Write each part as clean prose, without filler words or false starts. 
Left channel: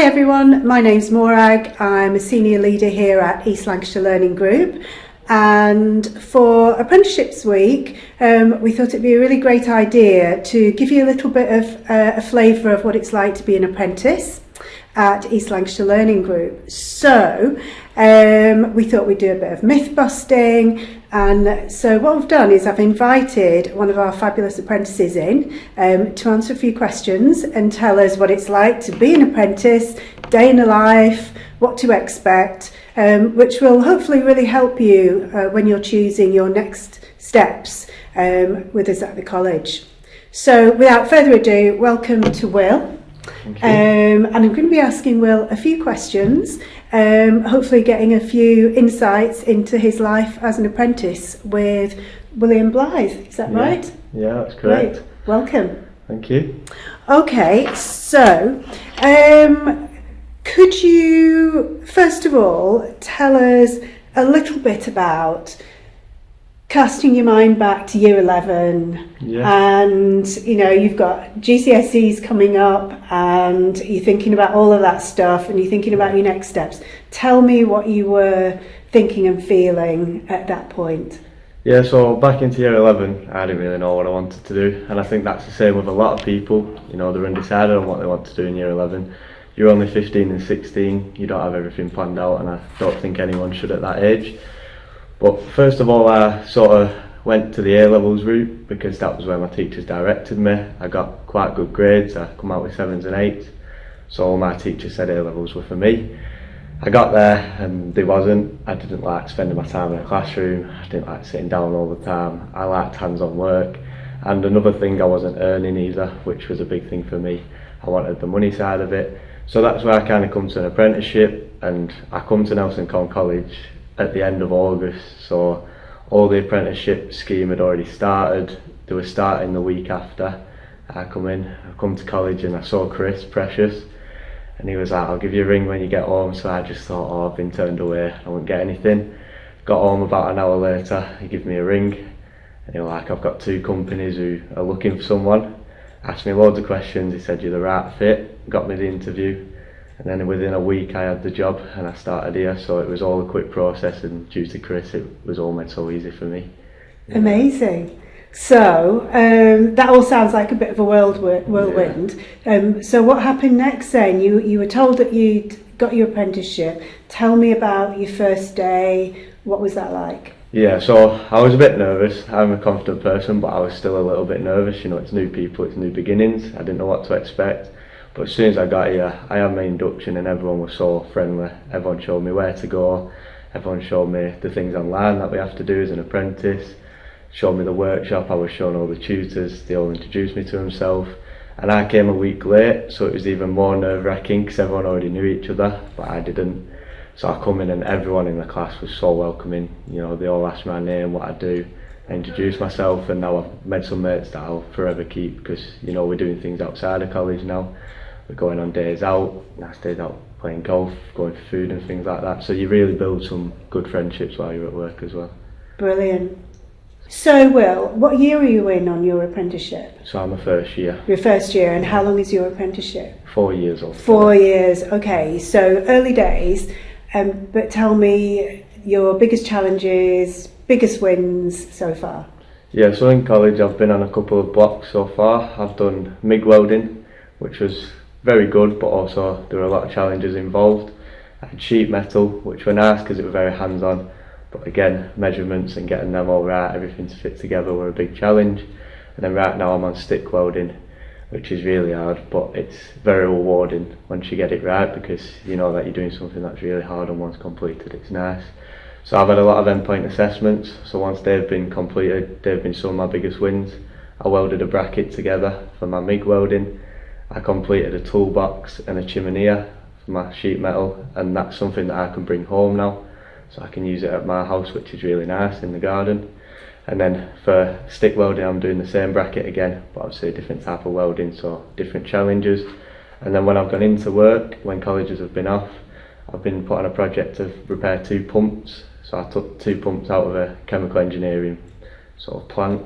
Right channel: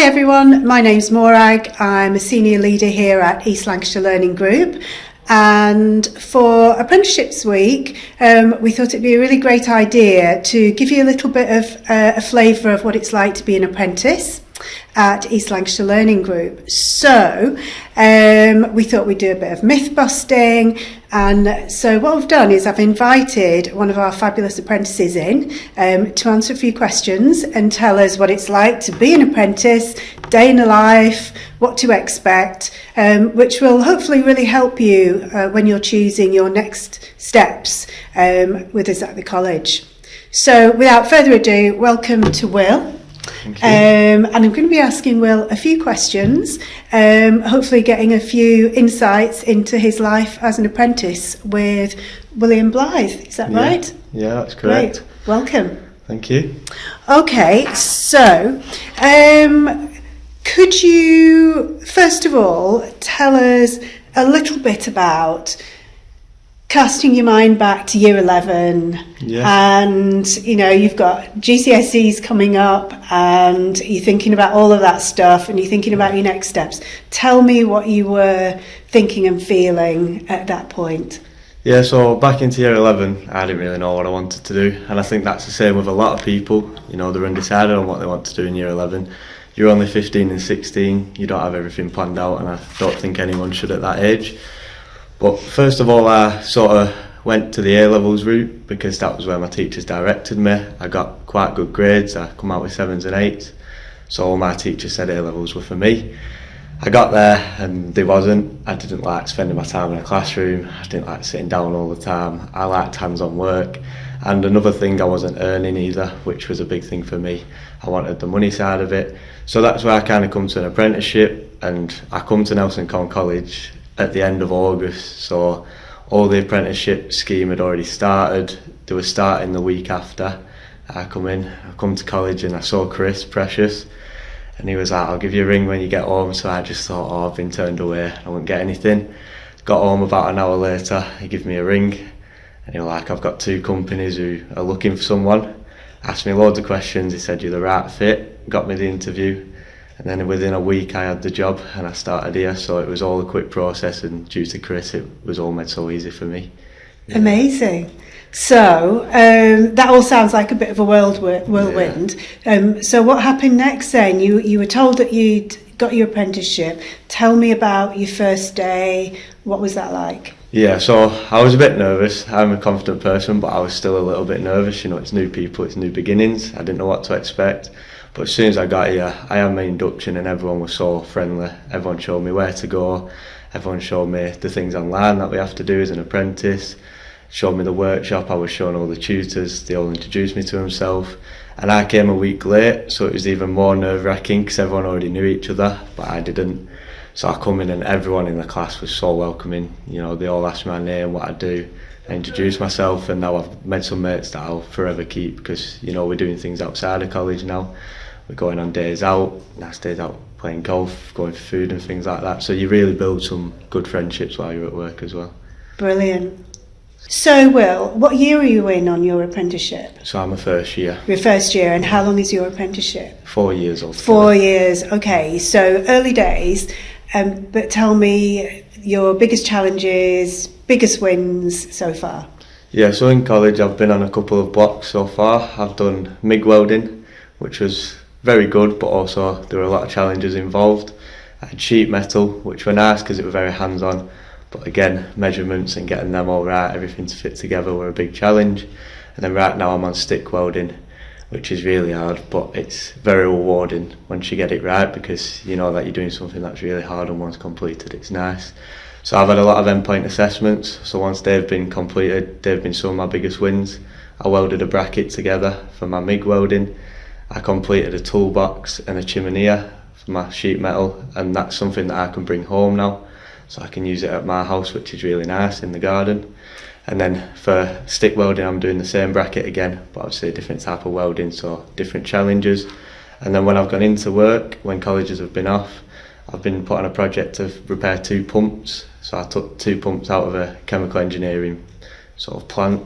Hi everyone, my name's Morag. I'm a senior leader here at East Lancashire Learning Group, and for Apprenticeships Week we thought it'd be a really great idea to give you a little bit of a flavour of what it's like to be an apprentice at East Lancashire Learning Group. So we thought we'd do a bit of myth busting, and so what we've done is I've invited one of our fabulous apprentices in to answer a few questions and tell us what it's like to be an apprentice, day in the life, what to expect, which will hopefully really help you when you're choosing your next steps with us at the college. So without further ado, welcome to Will. And I'm going to be asking Will a few questions, hopefully getting a few insights into his life as an apprentice with William Blythe. Is that right? Yeah, that's correct. Great. Welcome. Thank you. Okay, so could you first of all tell us a little bit about casting your mind back to year 11, and you know you've got GCSEs coming up and you're thinking about all of that stuff and you're thinking about your next steps. Tell me what you were thinking and feeling at that point. Yeah, so back into year 11, I didn't really know what I wanted to do, and I think that's the same with a lot of people. You know, they're undecided on what they want to do in year 11. You're only 15 and 16, you don't have everything planned out, and I don't think anyone should at that age. But first of all, I sort of went to the A-levels route because that was where my teachers directed me. I got quite good grades, I come out with 7s and 8s, so all my teachers said A-levels were for me. I got there and they wasn't. I didn't like spending my time in a classroom, I didn't like sitting down all the time, I liked hands-on work. And another thing, I wasn't earning either, which was a big thing for me. I wanted the money side of it. So that's where I kind of come to an apprenticeship, and I come to Nelson College at the end of August, so all the apprenticeship scheme had already started. They were starting the week after I come to college, and I saw Chris Precious, and he was like, I'll give you a ring when you get home. So I just thought, I've been turned away, I won't get anything. Got home about an hour later, he gave me a ring and he was like, I've got 2 companies who are looking for someone. Asked me loads of questions, he said you're the right fit, got me the interview. And then within a week I had the job and I started here, so it was all a quick process, and due to Chris it was all made so easy for me. Yeah. Amazing. So that all sounds like a bit of a whirlwind. Yeah. So what happened next then? You were told that you'd got your apprenticeship. Tell me about your first day. What was that like? Yeah, so I was a bit nervous. I'm a confident person, but I was still a little bit nervous. You know, it's new people, it's new beginnings. I didn't know what to expect. But as soon as I got here, I had my induction and everyone was so friendly. Everyone showed me where to go. Everyone showed me the things online that we have to do as an apprentice. Showed me the workshop. I was shown all the tutors. They all introduced me to themselves. And I came a week late, so it was even more nerve-wracking because everyone already knew each other, but I didn't. So I come in and everyone in the class was so welcoming. You know, they all asked my name, what I do. I introduced myself, and now I've made some mates that I'll forever keep because, you know, we're doing things outside of college now. We're going on days out, nice days out playing golf, going for food and things like that. So you really build some good friendships while you're at work as well. Brilliant. So Will, what year are you in on your apprenticeship? So I'm a first year. Your first year, and how long is your apprenticeship? 4 years old. 4 years, okay, so early days, but tell me your biggest challenges, biggest wins so far. Yeah, so in college I've been on a couple of blocks so far. I've done MIG welding, which was very good, but also there were a lot of challenges involved. I had sheet metal, which were nice because it was very hands-on, but again, measurements and getting them all right, everything to fit together were a big challenge. And then right now I'm on stick welding, which is really hard, but it's very rewarding once you get it right because you know that you're doing something that's really hard, and once completed it's nice. So I've had a lot of endpoint assessments, so once they've been completed, they've been some of my biggest wins. I welded a bracket together for my MIG welding. I completed a toolbox and a chimenea for my sheet metal, and that's something that I can bring home now, so I can use it at my house, which is really nice in the garden. And then for stick welding I'm doing the same bracket again, but obviously a different type of welding, so different challenges. And then when I've gone into work, when colleges have been off, I've been put on a project to repair 2 pumps. So I took 2 pumps out of a chemical engineering sort of plant,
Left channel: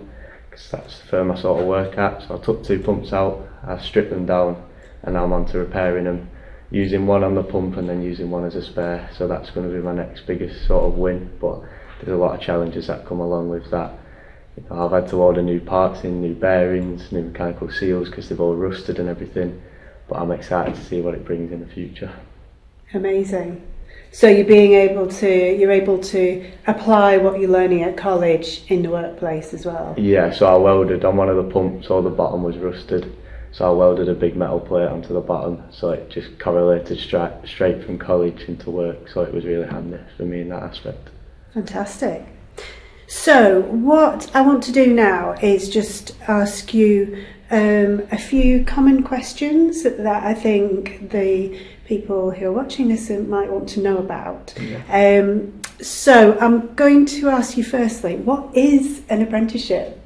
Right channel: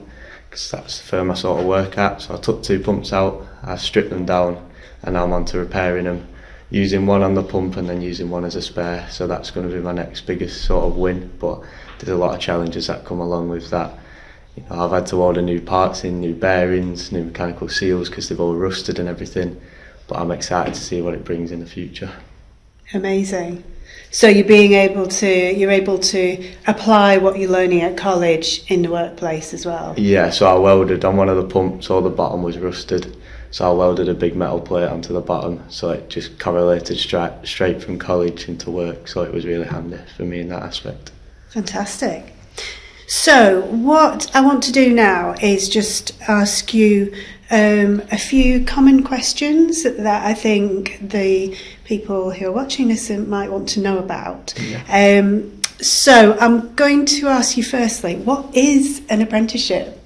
because that's the firm I sort of work at. So I took 2 pumps out, I stripped them down, and now I'm on to repairing them using one on the pump and then using one as a spare. So that's going to be my next biggest sort of win. But there's a lot of challenges that come along with that. You know, I've had to order new parts in, new bearings, new mechanical seals because they've all rusted and everything. But I'm excited to see what it brings in the future. Amazing. So you're able to apply what you're learning at college in the workplace as well? Yeah, so I welded on one of the pumps, all the bottom was rusted. So I welded a big metal plate onto the bottom, so it just correlated straight from college into work. So it was really handy for me in that aspect. Fantastic. So what I want to do now is just ask you a few common questions that I think the people who are watching this might want to know about. Yeah. So I'm going to ask you firstly, what is an apprenticeship?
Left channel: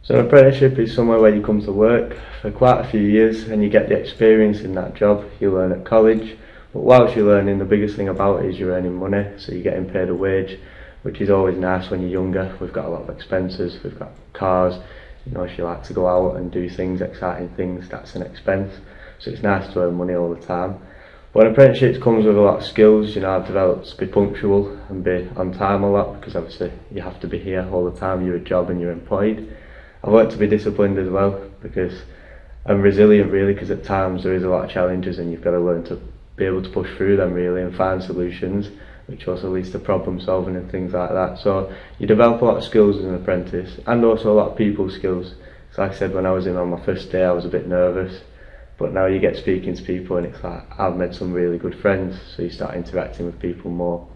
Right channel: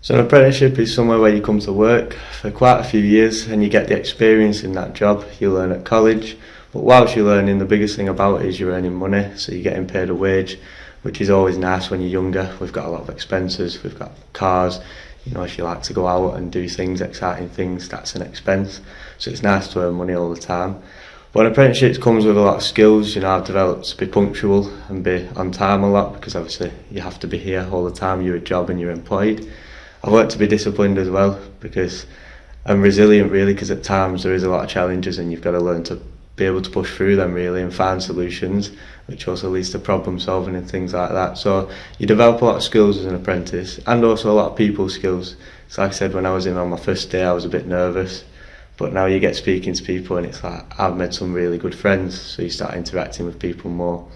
So an apprenticeship is somewhere where you come to work for quite a few years and you get the experience in that job. You learn at college, but whilst you're learning, the biggest thing about it is you're earning money, so you're getting paid a wage, which is always nice when you're younger. We've got a lot of expenses, we've got cars, you know, if you like to go out and do things, exciting things, that's an expense. So it's nice to earn money all the time. But an apprenticeship comes with a lot of skills. You know, I've developed to be punctual and be on time a lot, because obviously you have to be here all the time, you're a job and you're employed. I've learned to be disciplined as well, because I'm resilient really, because at times there is a lot of challenges and you've got to learn to be able to push through them really and find solutions, which also leads to problem solving and things like that. So you develop a lot of skills as an apprentice, and also a lot of people skills. So like I said, when I was in on my first day I was a bit nervous, but now you get speaking to people and it's like I've made some really good friends, so you start interacting with people more.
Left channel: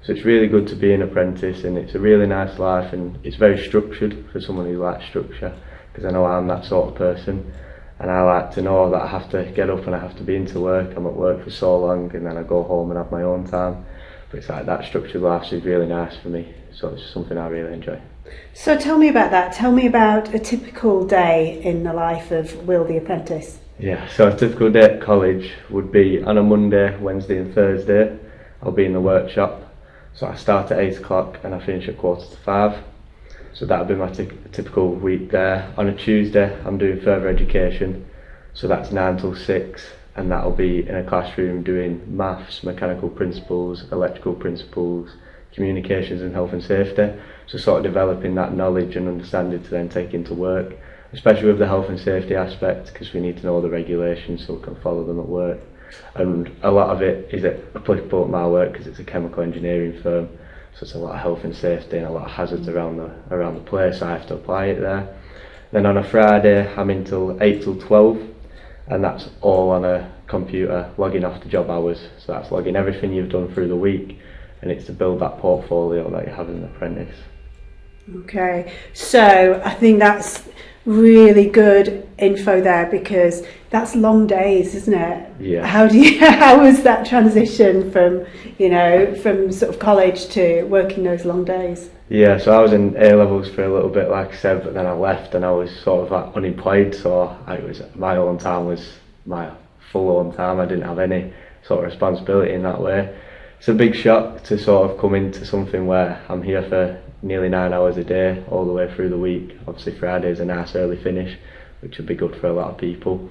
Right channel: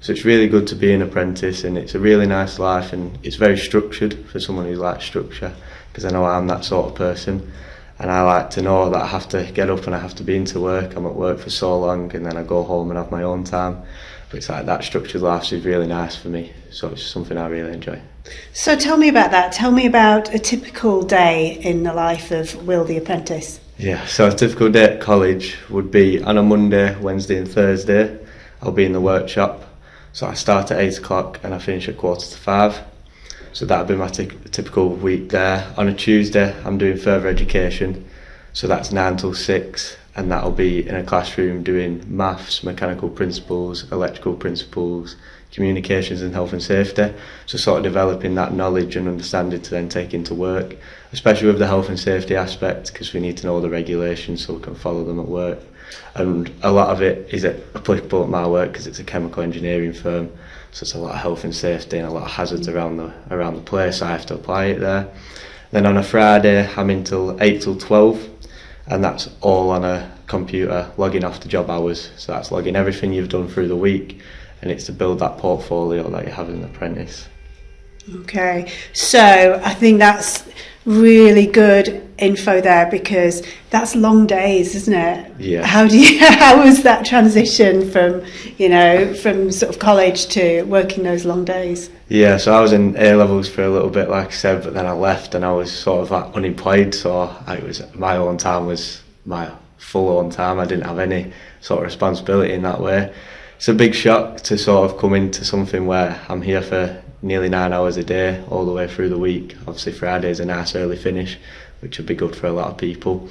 So it's really good to be an apprentice, and it's a really nice life, and it's very structured for someone who likes structure, because I know I'm that sort of person, and I like to know that I have to get up and I have to be into work. I'm at work for so long and then I go home and have my own time. But it's like that structured life is really nice for me, so it's something I really enjoy. So tell me about that. Tell me about a typical day in the life of Will the Apprentice. Yeah, so a typical day at college would be on a Monday, Wednesday and Thursday. I'll be in the workshop. So I start at 8 o'clock and I finish at 4:45. So that'll be my typical week there. On a Tuesday, I'm doing further education. So that's 9 till 6, and that'll be in a classroom doing maths, mechanical principles, electrical principles, communications and health and safety. So sort of developing that knowledge and understanding to then take into work, especially with the health and safety aspect, because we need to know the regulations so we can follow them at work. And a lot of it is applicable at my work because it's a chemical engineering firm, so it's a lot of health and safety and a lot of hazards around the place, so I have to apply it there. Then on a Friday I'm in till 8 till 12, and that's all on a computer, logging off the job hours. So that's logging everything you've done through the week, and it's to build that portfolio that you have as an apprentice. Okay, so I think that's really good info there, because that's long days, isn't it? Yeah. How was that transition from sort of college to working those long days? Yeah, so I was in A-levels for a little bit, like I said, but then I left and I was sort of unemployed, so my own time was my full own time. I didn't have any sort of responsibility in that way. It's a big shock to sort of come into something where I'm here for nearly 9 hours a day all the way through the week. Obviously Friday's a nice early finish, which would be good for a lot of people.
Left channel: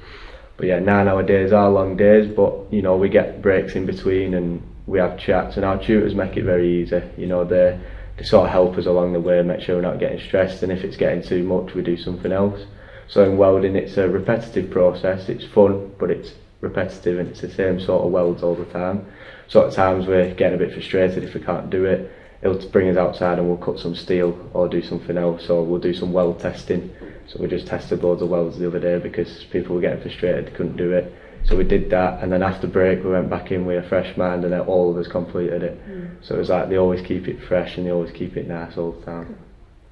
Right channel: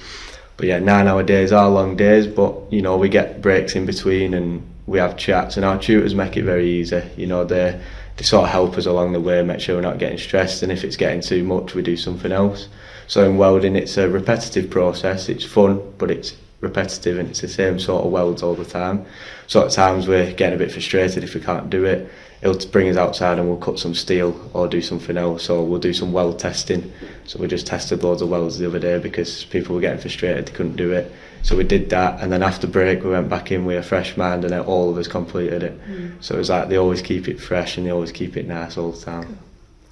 But yeah, 9-hour days are long days, but you know, we get breaks in between and we have chats, and our tutors make it very easy. You know, they sort of help us along the way, make sure we're not getting stressed, and if it's getting too much we do something else. So in welding it's a repetitive process. It's fun, but it's repetitive and it's the same sort of welds all the time. So at times we're getting a bit frustrated if we can't do it. It'll bring us outside and we'll cut some steel or do something else, or we'll do some weld testing. So we just tested loads of welds the other day because people were getting frustrated, they couldn't do it. So we did that, and then after break we went back in with a fresh mind, and then all of us completed it. So it was like they always keep it fresh and they always keep it nice all the time.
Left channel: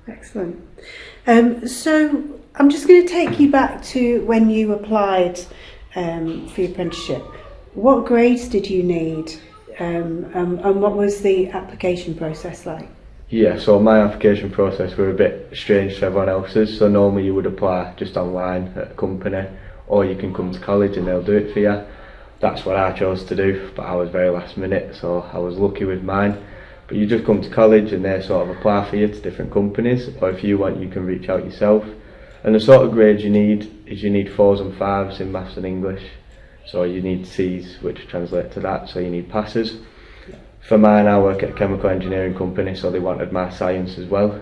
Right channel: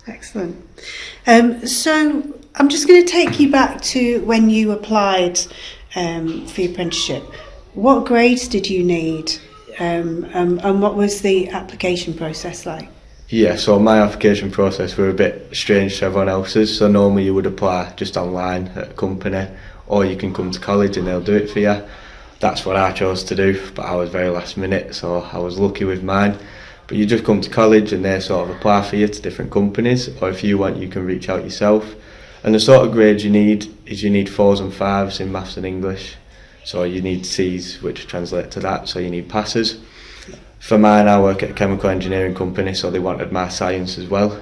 Excellent. So I'm just going to take you back to when you applied for your apprenticeship. What grades did you need, and what was the application process like? Yeah, so my application process were a bit strange to everyone else's. So normally you would apply just online at a company, or you can come to college and they'll do it for you. That's what I chose to do, but I was very last minute, so I was lucky with mine. But you just come to college and they sort of apply for you to different companies, or if you want you can reach out yourself. And the sort of grades you need is you need 4s and 5s in maths and English. So you need C's, which translate to that, so you need passes. For mine, I work at a chemical engineering company, so they wanted my science as well,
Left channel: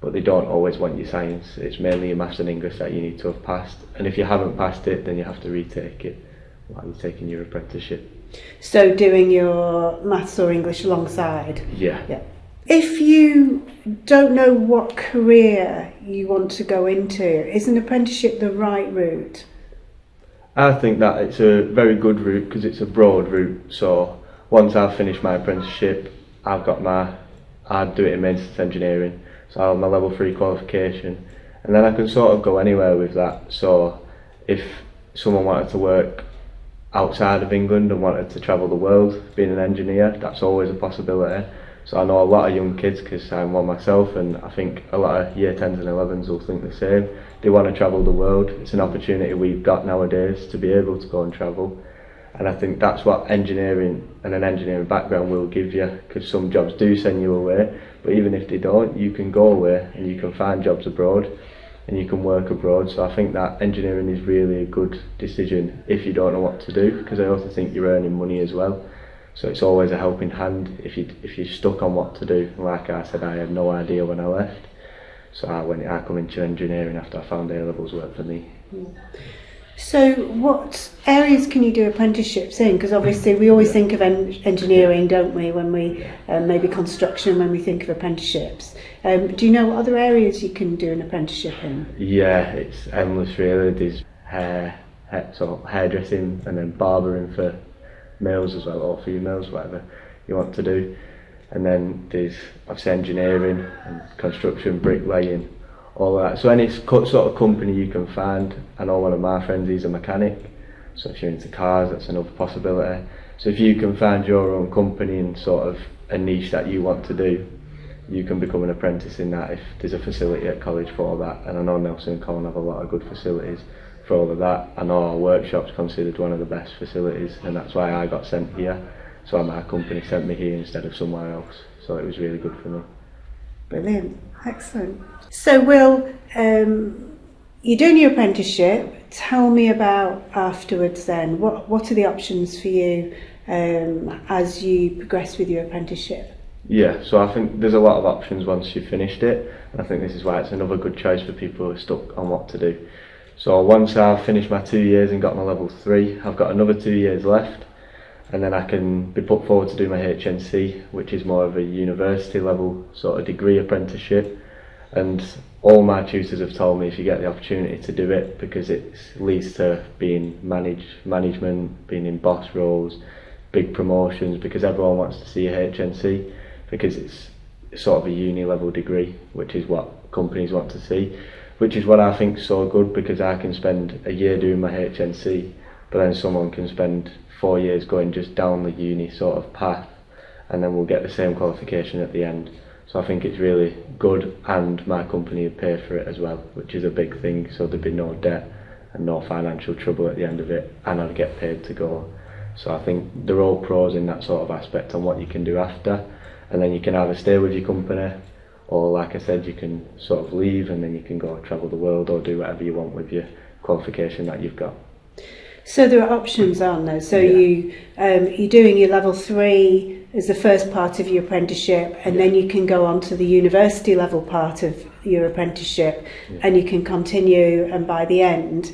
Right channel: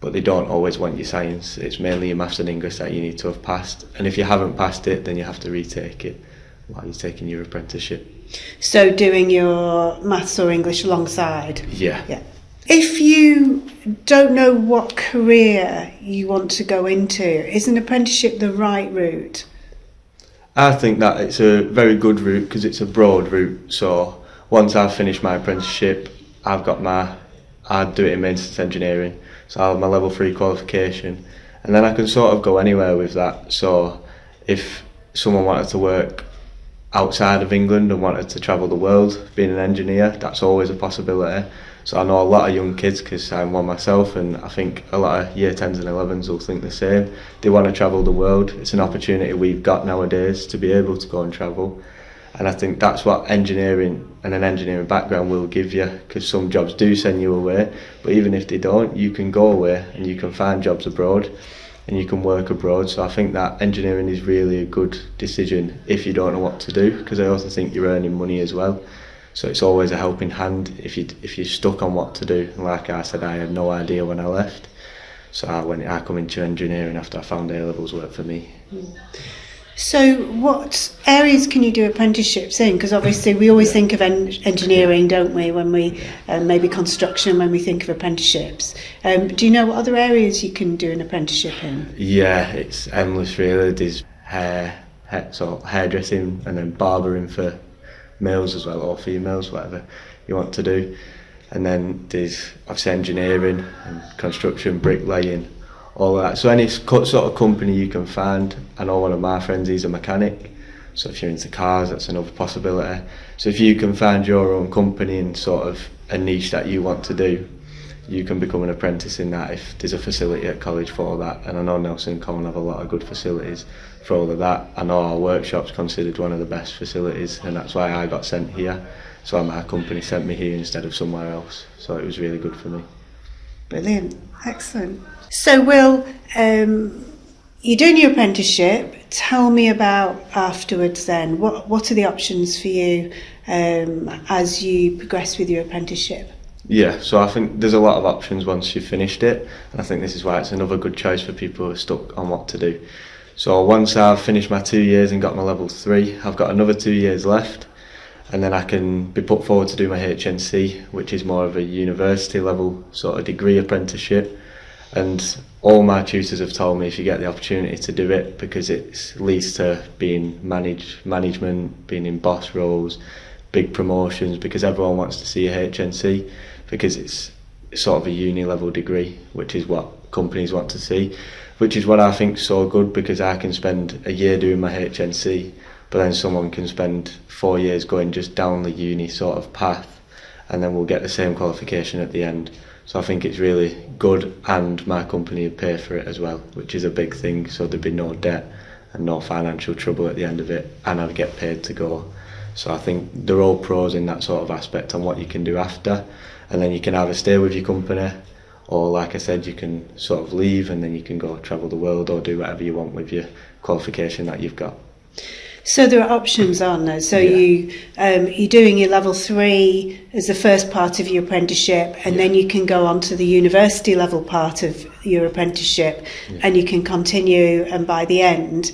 but they don't always want your science. It's mainly your maths and English that you need to have passed, and if you haven't passed it, then you have to retake it while you're taking your apprenticeship. So doing your maths or English alongside? Yeah. If you don't know what career you want to go into, is an apprenticeship the right route? I think that it's a very good route because it's a broad route. So once I've finished my apprenticeship, I'd do it in maintenance engineering, so I'll have my level 3 qualification, and then I can sort of go anywhere with that. So if someone wanted to work outside of England and wanted to travel the world being an engineer, that's always a possibility. So I know a lot of young kids, because I'm one myself, and I think a lot of year 10s and 11s will think the same. They want to travel the world. It's an opportunity we've got nowadays to be able to go and travel, and I think that's what engineering and an engineering background will give you, because some jobs do send you away, but even if they don't, you can go away and you can find jobs abroad and you can work abroad. So I think that engineering is really a good decision if you don't know what to do, because I also think you're earning money as well. So it's always a helping hand if you're stuck on what to do. And like I said, I had no idea when I left. So I come into engineering after I found A-levels worked for me. So what areas can you do apprenticeships in? Because obviously we always think of engineering, don't we, when we maybe construction, when we think of apprenticeships. Do you know what other areas you can do an apprenticeship in? Yeah, it's endless really. There's hairdressing, and then barbering for males as well, or females, whatever you want to do. And then there's obviously engineering and construction, bricklaying, all of that. So any sort of company you can find. I know one of my friends, he's a mechanic, so if you're into cars, that's another possibility. So if you can find your own company and sort of a niche that you want to do, you can become an apprentice in that if there's a facility at college for that. And I know Nelson and Colin have a lot of good facilities for all of that. I know our workshop's considered one of the best facilities, and that's why I got sent here. So my company sent me here instead of somewhere else. So it was really good for me. Brilliant, excellent. So Will, you're doing your apprenticeship. Tell me about afterwards then. What are the options for you as you progress with your apprenticeship? Yeah, so I think there's a lot of options once you've finished it, and I think this is why it's another good choice for people who are stuck on what to do. So once I've finished my 2 years and got my level 3, I've got another 2 years left, and then I can be put forward to do my HNC, which is more of a university level sort of degree apprenticeship. And all my tutors have told me if you get the opportunity to do it, because it leads to being management, being in boss roles, big promotions, because everyone wants to see a HNC, because it's sort of a uni level degree, which is what companies want to see, which is what I think is so good, because I can spend a year doing my HNC, but then someone can spend 4 years going just down the uni sort of path, and then we'll get the same qualification at the end. So I think it's really good, and my company would pay for it as well, which is a big thing, so there'd be no debt and no financial trouble at the end of it, and I'd get paid to go. So I think they're all pros in that sort of aspect on what you can do after, and then you can either stay with your company, or like I said, you can sort of leave and then you can go travel the world or do whatever you want with your qualification that you've got. So there are options, aren't there? So Yeah. you're doing your level 3 as the first part of your apprenticeship, and then you can go on to the university level part of your apprenticeship, and you can continue, and by the end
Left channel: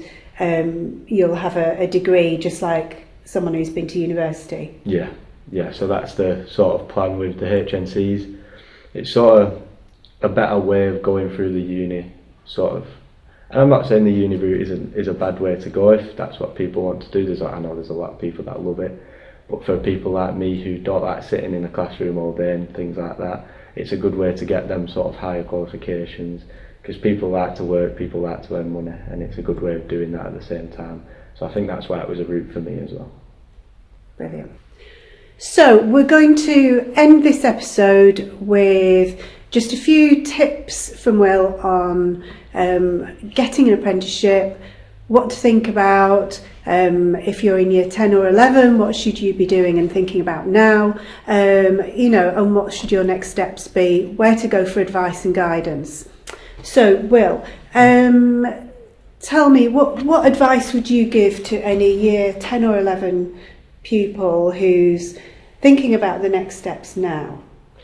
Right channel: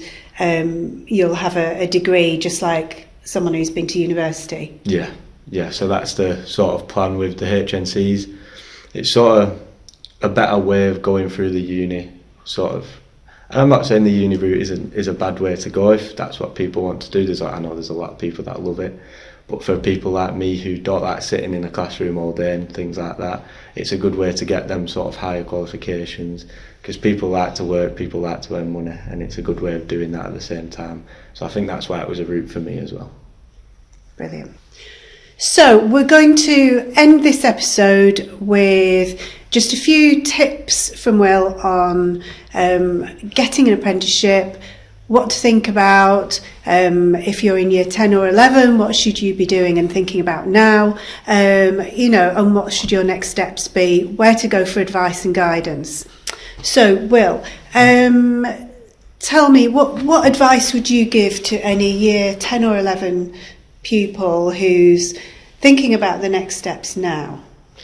you'll have a degree just like someone who's been to university. Yeah, so that's the sort of plan with the HNCs. It's sort of a better way of going through the uni, sort of. And I'm not saying the uni route is a bad way to go if that's what people want to do. I know there's a lot of people that love it, but for people like me who don't like sitting in a classroom all day and things like that, it's a good way to get them sort of higher qualifications, because people like to work, people like to earn money, and it's a good way of doing that at the same time. So I think that's why it was a route for me as well. Brilliant. So we're going to end this episode with just a few tips from Will on getting an apprenticeship, what to think about, if you're in year 10 or 11, what should you be doing and thinking about now, and what should your next steps be, where to go for advice and guidance. So Will, tell me, what advice would you give to any year 10 or 11 pupil who's thinking about the next steps now?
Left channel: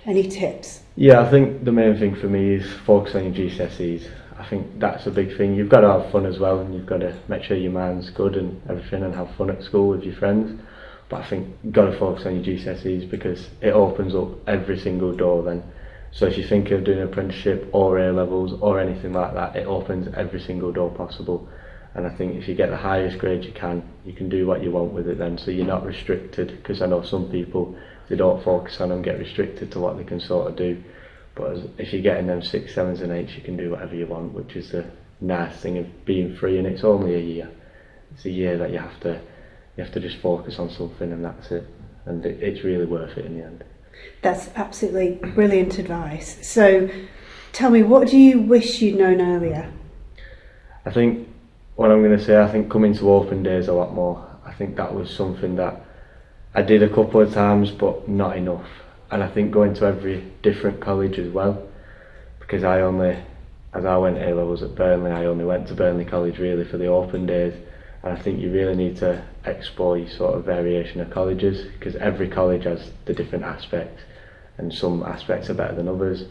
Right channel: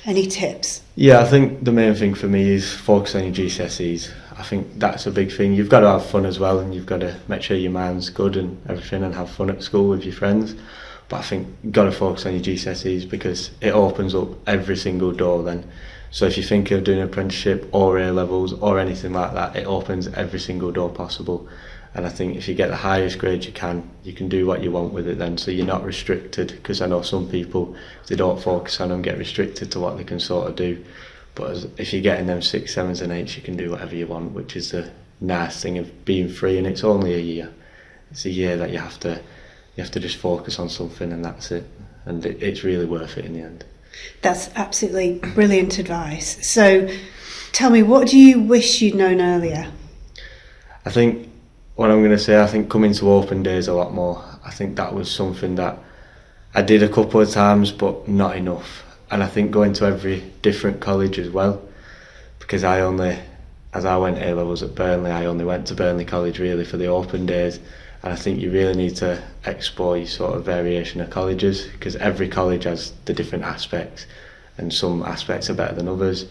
Any tips? Yeah, I think the main thing for me is focus on your GCSEs. I think that's a big thing. You've got to have fun as well, and you've got to make sure your mind's good and everything, and have fun at school with your friends. But I think you've got to focus on your GCSEs because it opens up every single door then. So if you think of doing an apprenticeship or A-levels or anything like that, it opens every single door possible. And I think if you get the highest grade you can do what you want with it then, so you're not restricted, because I know some people, if they don't focus on them, get restricted to what they can sort of do. But if you're getting them 6, 7s and 8s, you can do whatever you want, which is the nice thing of being free, and it's only a year. It's a year that you have to just focus on something, and that's it. And it's really worth it in the end. That's absolutely brilliant advice. So tell me, what do you wish you'd known earlier? I think what I'm going to say, I think coming to open days a lot more. I think that was something that I did a couple of times, but not enough. And I think going to every different college as well, because as I went A-levels at Burnley, I only went to Burnley College really for the open days. And I think you really need to explore your sort of variation of colleges, because every college has the different aspects, and some aspects are better than others.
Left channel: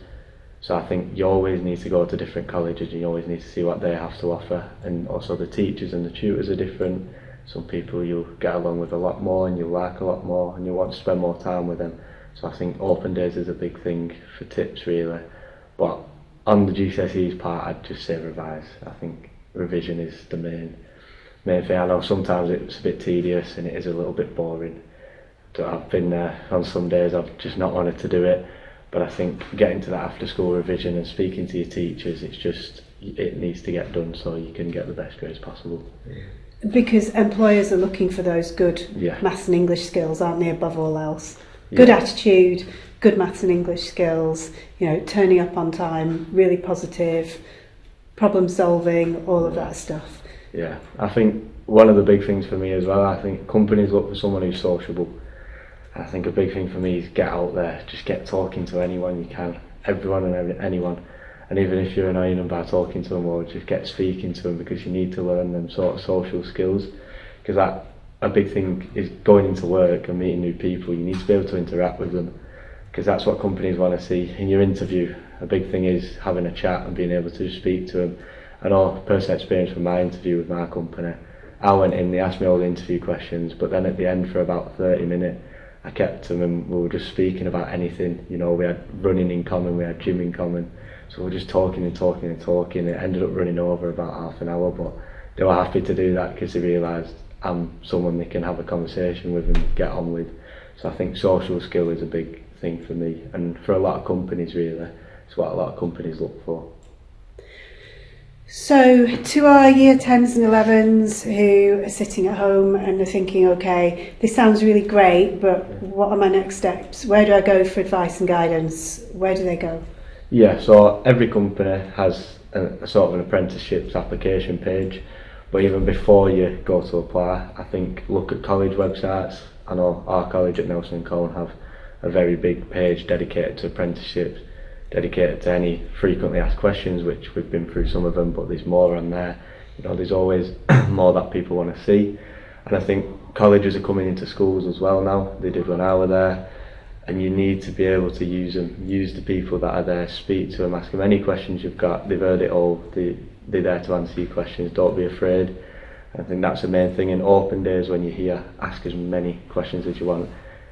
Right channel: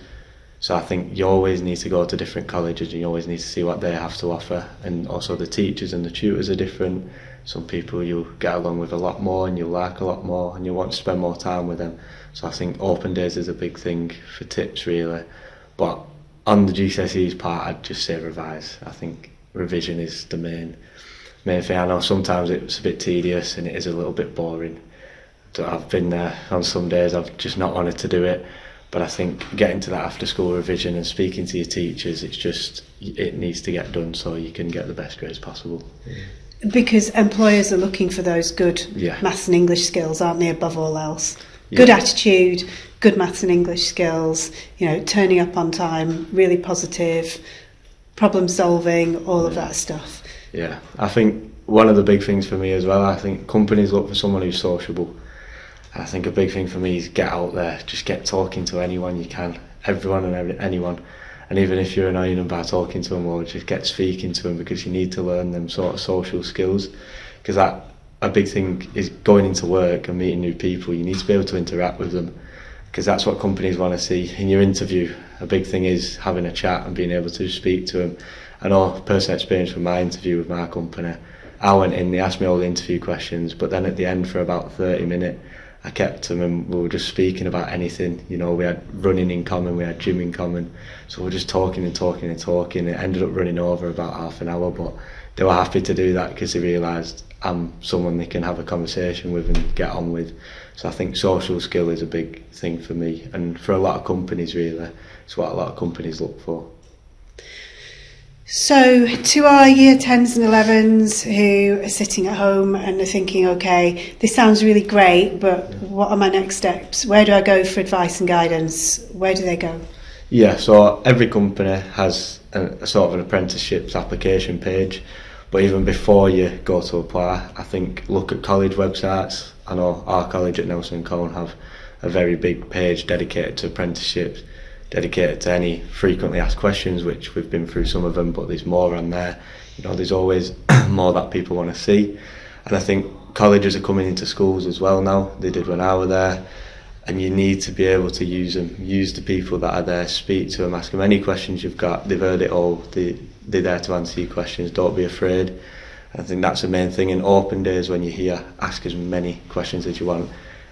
So I think you always need to go to different colleges, and you always need to see what they have to offer. And also the teachers and the tutors are different. Some people you'll get along with a lot more and you'll like a lot more, and you want to spend more time with them. So I think open days is a big thing for tips really. But on the GCSEs part, I'd just say revise. I think revision is the main thing. I know sometimes it's a bit tedious and it is a little bit boring. So I've been there on some days, I've just not wanted to do it. But I think getting to that after school revision and speaking to your teachers, it needs to get done so you can get the best grades possible. Because employers are looking for those good maths and English skills, aren't they, above all else? Good attitude, good maths and English skills, turning up on time, really positive, problem solving, all of that stuff. Yeah, I think one of the big things for me as well, I think companies look for someone who's sociable. I think a big thing for me is get out there, just get talking to anyone you can, everyone and anyone. And even if you're annoying them by talking to them, or just get speaking to them, because you need to learn them sort of social skills. Because a big thing is going into work and meeting new people. You need to be able to interact with them, because that's what companies want to see in your interview. A big thing is having a chat and being able to speak to them. I know personal experience from my interview with my company. I went in, they asked me all the interview questions, but then at the end for about 30 minutes, I kept them and we were just speaking about anything. We had running in common, we had gym in common. So we were just talking and talking and talking. It ended up running over about half an hour, but they were happy to do that because they realised I'm someone they can have a conversation with and get on with. So I think social skill is a big thing for me, and for a lot of companies really. It's what a lot of companies look for. So to our year 10s and 11s who are sitting at home and are thinking, okay, this sounds really great, but what are my next steps? Where do I go for advice and guidance? Where do they go? Yeah, so every company has a sort of an apprenticeships application page, but even before you go to apply, I think look at college websites. I know our college at Nelson & Colne have a very big page dedicated to apprenticeships, dedicated to any frequently asked questions, which we've been through some of them, but there's more on there. There's always more that people want to see. And I think colleges are coming into schools as well now. They did when I was there, and you need to be able to use them, use the people that are there, speak to them, ask them any questions you've got. They've heard it all, they're there to answer your questions, don't be afraid. I think that's the main thing. In open days when you're here, ask as many questions as you want.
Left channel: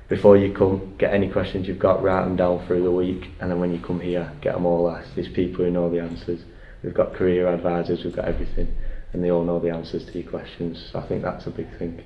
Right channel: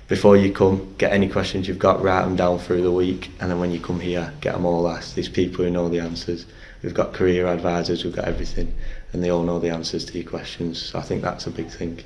Before you come, get any questions you've got, write them down through the week, and then when you come here, get them all asked. There's people who know the answers. We've got career advisors, we've got everything, and they all know the answers to your questions. So I think that's a big thing.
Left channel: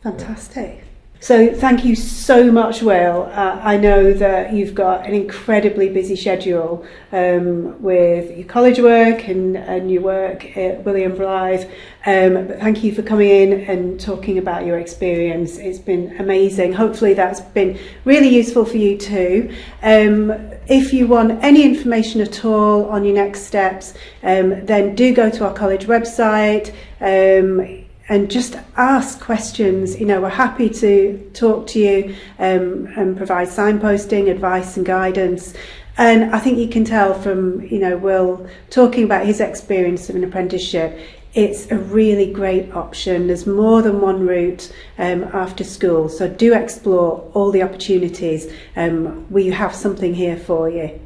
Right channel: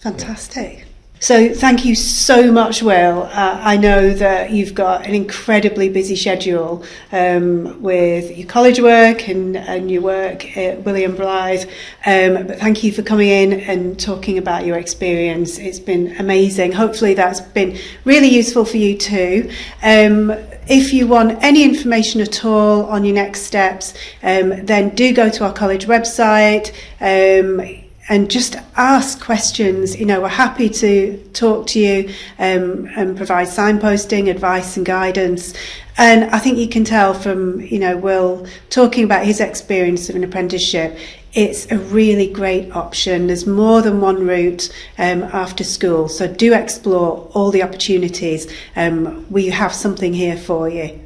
Fantastic. Yeah. So thank you so much, Will. I know that you've got an incredibly busy schedule with your college work and your work at William Blythe, but thank you for coming in and talking about your experience. It's been amazing. Hopefully that's been really useful for you too. If you want any information at all on your next steps, then do go to our college website. and just ask questions. You know, we're happy to talk to you and provide signposting, advice and guidance. And I think you can tell from, you know, Will talking about his experience of an apprenticeship, it's a really great option. There's more than one route after school, so do explore all the opportunities. We have something here for you.